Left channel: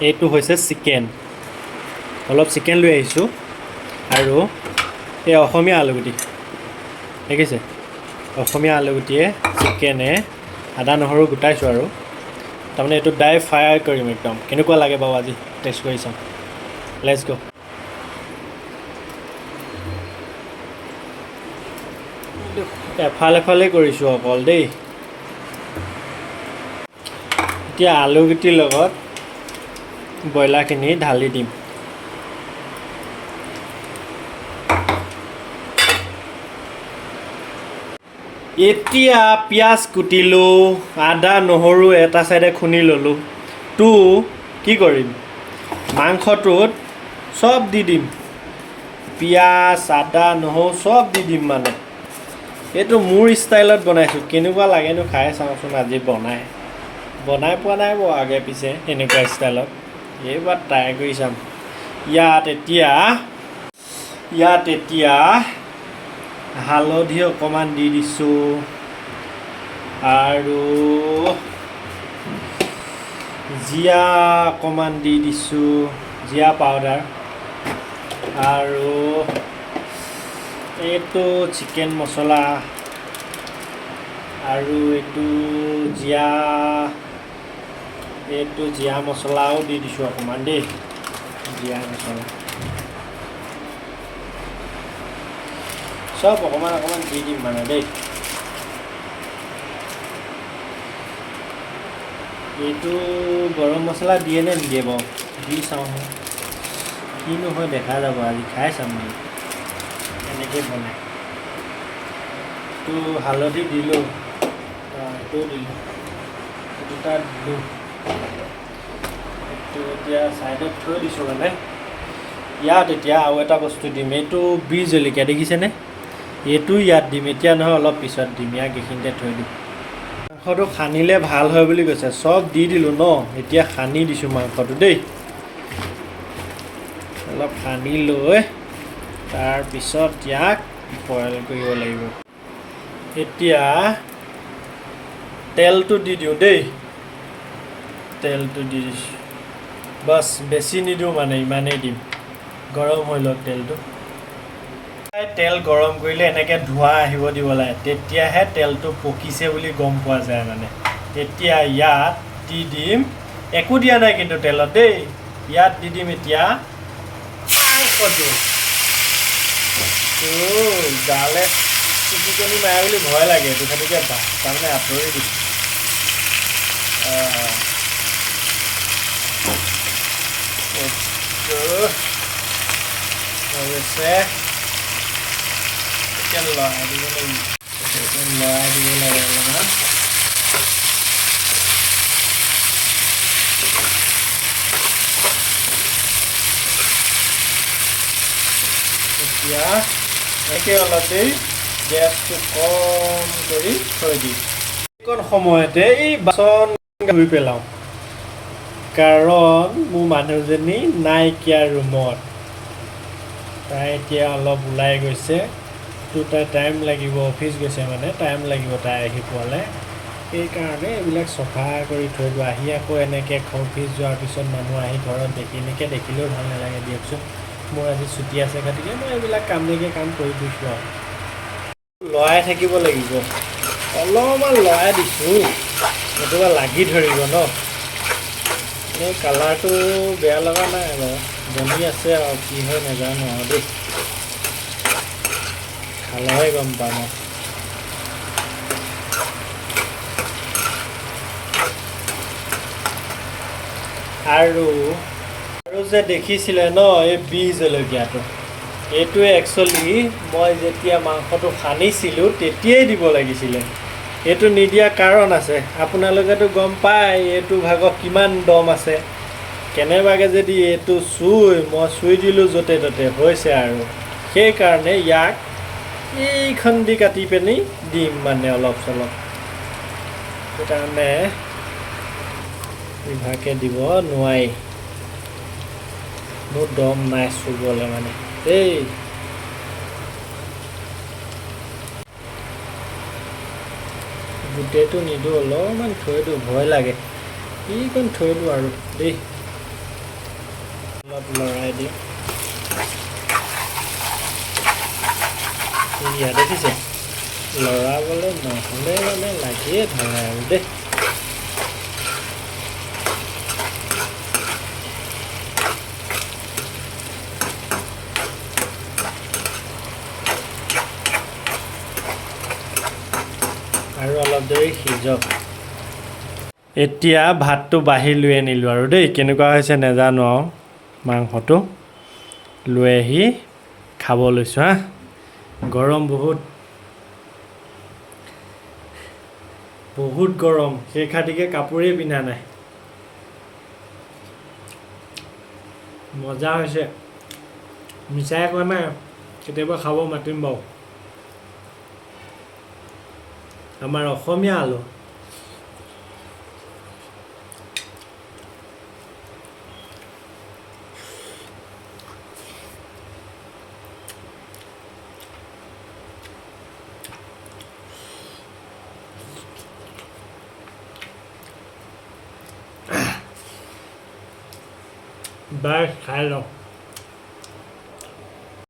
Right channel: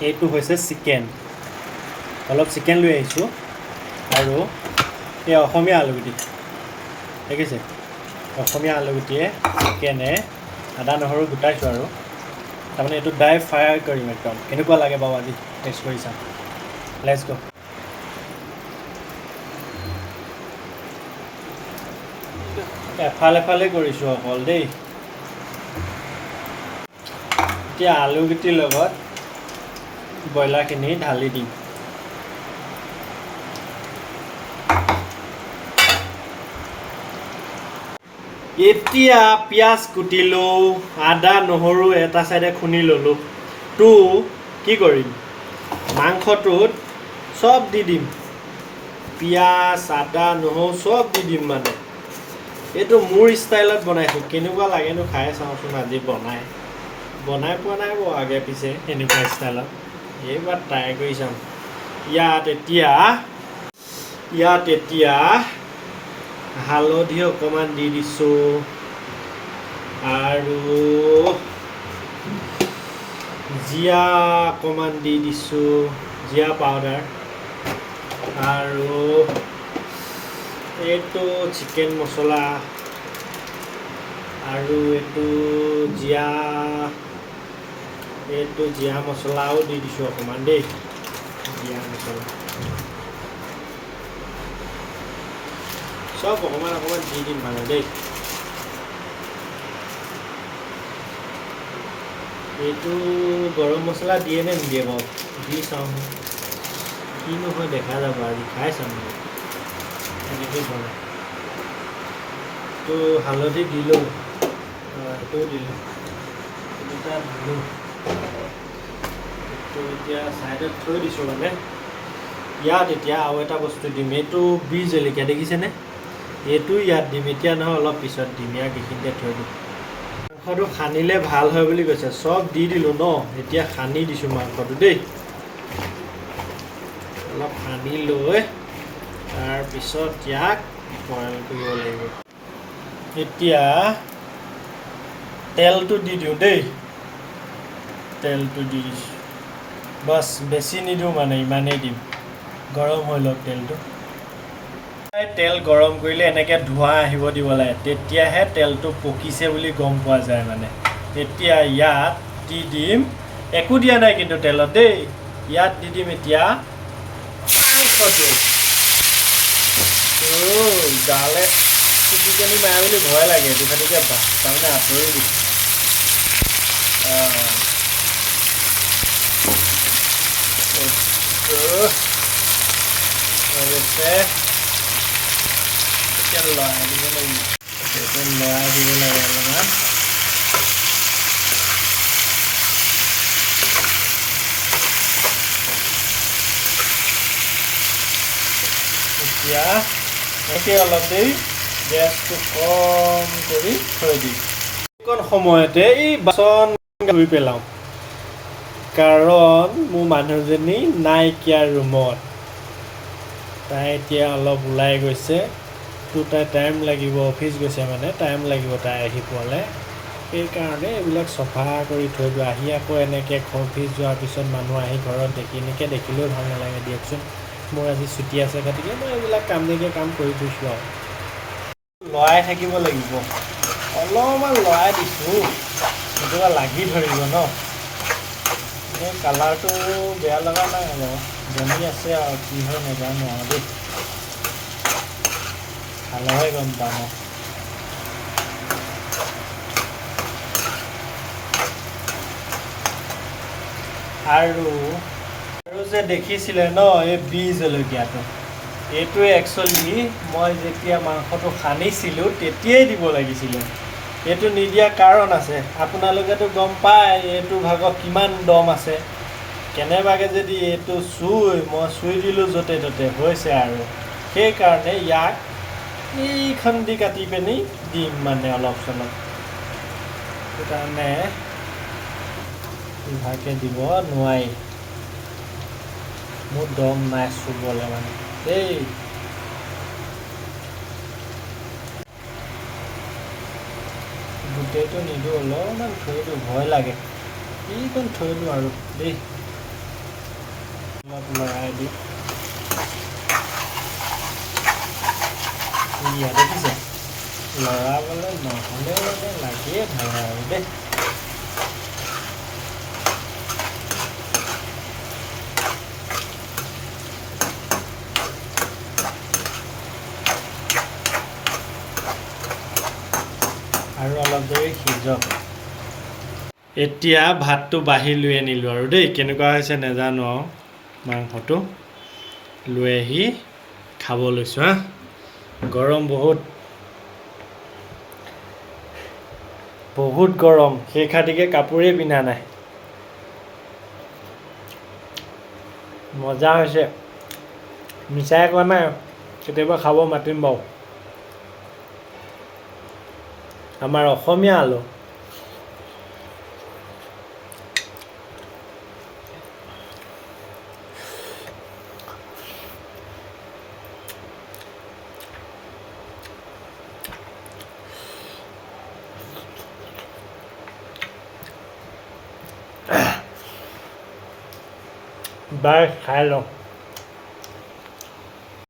এইটো হৈছে চিকেন অলপ চিকেন লৈ আহিছোঁ আৰু এই অসমীয়া আলুগুটি দেখিছে অসমীয়া আলুগুটিয়ে চিকেনে আদা নহৰু গোটাইছোঁ আৰু তাৰমানে এইটো ড্ৰাই ফ্ৰাই কৰিম একদম কেনেকুৱা লাগে বাৰু আজি টেষ্ট কৰি চাম লেটছ গ' এফালে কৰিছোঁ অকল দেই এতিয়া আলুগুটিৰ লগত ব্ৰইলাৰখিনি ঢালি দিম এতিয়া পিঁয়াজ কুটিলোঁ আদা নহৰু এটা চাইডে খুন্দি ল'লোঁ কি কৰিম মাংসটোত চব দি দিম পিঁয়াজ আদা নহৰু চব দি দিম মানে এইটো মোৰ ষ্টাইলত বনাইছোঁ কেনেকুৱা লাগেনো খাই চাওঁচোন আজি বনাই পোৱা নাই বাৰু আগে পিছে এনেকুৱা ষ্টাইলত এইবাৰ ট্ৰাই কৰি চাম ইয়াত এতিয়া হালধি অকণমান দি দিছোঁ আৰু জিৰা অকণমান দি দিছোঁ জিৰা পাউডাৰ আৰু এইটো চিকেন মছলা আৰু এইটো জিৰা মছলাও দি দিছোঁ অকণমান দেই জিৰা মছলা চব অকণমান দি দিম মানে দেই এইটো গৰম মছলা দিয়ে নে নিদিয়ে বাৰু দি চাওঁ কিনো হয় দেখা যাব আজি খাই চাম এনেকৈ বনাই এইটো হালধি দিলোঁ এইটোও দিলোঁ দুটা দিলোঁ এইটো এতিয়া ছাইডত থৈ দিছোঁ মানে ইয়াত এতিয়া আৰু এটা বস্তু দিম এইটো বিহ জলকীয়া দেখিছেনে এইটো ইয়াত দিম এতিয়া নহয় অলপ পিছত দিম ইয়াক এইখিনিতে থৈ দিম মাংসটো সানিলে ভাল হয় বুলি কৈছে চব দি দিলোঁ ন এতিয়া সানি দিছোঁ মাংসটো দেই অলপ সানি লৈ তাৰপিছত ইয়াক বইল কৰিব লাগিব এতিয়া তেলটো দি দিওঁ দেই তেলটো দি দিছোঁ বাছ বেছি নিদিওঁ মানে ইমানেই দিম গৰম হৈ লওক তেল গৰম কৰিলে এনেকৈ ধোঁৱা আহিব দিব লাগে তেতিয়াহে তেলটো পকিছে বুলি গম পোৱা যায় মানে এতিয়া ইয়াত দি দিম একো দিয়া নাই কিন্তু তেলত দেই ইয়াত দি দিম এতিয়া মাংসটো গালে চিটিকেনি মাৰে বুলি ভয় লাগে এইটো খালিকৈ তাৰমানে আঁতৰি দিছোঁ অৱশ্যে এতিয়া লৰাই দিব লাগে অলপমান এতিয়া এনেকৈ অলপ দেৰি গেছটো কম কৰি থৈ দিম এইকণ সময়তে এই বাচন ধুই পেলাওঁ কাৰণ মোৰ মানুহজনী নাইকিয়া ৰুমত তাই এতিয়া অলপ ওলাই গৈছে তাই টাইম লাগিব অফিচ গৈছে মানে টাইম লাগিব তাই আহি পোৱালে সেইকাৰণে এইবিলাক চফা কৰি থৈ দিওঁ আহি আকৌ এনেকৈ অফিচ যোৱাৰ পিছত মানুহ আহি ঘৰত এনেকৈ দেখিলেও ভাল নালাগে দিয়কচোন মোৰ আজি ছুটি আছে গতিকে মই এইবিলাক কাম কৰি ফুৰিছোঁ আৰু লৰাই থাকিব লাগিব অলপমান লৰাই দিছোঁ নতুবা লাগি ধৰিব ন এই কালাৰটো বেয়া লগা নাই বাৰু বনি আছে আৰু কি হয় নাজানো আৰু দেই খালেহে গম পাম আৰু যে দেখিছিলে ন এই বিহ জলকীয়াটো এইটোৱে একচুৱেলি মই যেতিয়া মাংসটো সানিছিলোঁ তেতিয়াই দিব লাগিছিলে এইটো নিদিয়া কাৰণ আছে আপোনালোকেতো গম পায় এইটো ভাগত কিমান দম আছে কেনেবাকৈ যদি এইটো মই চুই দিলোঁ য'তে ত'তে হৈছে আৰু সেইকাৰণে ইয়াক এইখন দি কাটি পিনি দিম মানে অলপ চলপ সেইকাৰণে ইভাগে দিব নোৱাৰি মোৰ দম নাই চুবলৈ মানে দেই গোটেইটো নিদিওঁ অলপমান থৈ দিওঁ ভয় লাগে কিকণ থৈ দিওঁ আৰু দেই অলপ লৰাই দিম ইয়াত দেখিছে লৰাবলৈ নহ'লে মানে লাগিয়ে থাকে আৰু দেই আৰু অলপ দেৰি সিজক এতিয়া ভাতটো বাঢ়ি লৈ আনিলোঁ আৰু দেই কেনেকুৱা হৈছে নাজানো আৰু মাংসটো লৈ আহি খাব লৈছোঁ হা গৰম বহুত গৰম সেই খাতিকে কাপোৰেই পিন্ধা নাই মজা হৈছে মিছাই কোৱা নাই কেতিয়াবা খাব মাতিম বাৰু আমাৰ অসমীয়া আলু বাই খাই লওঁ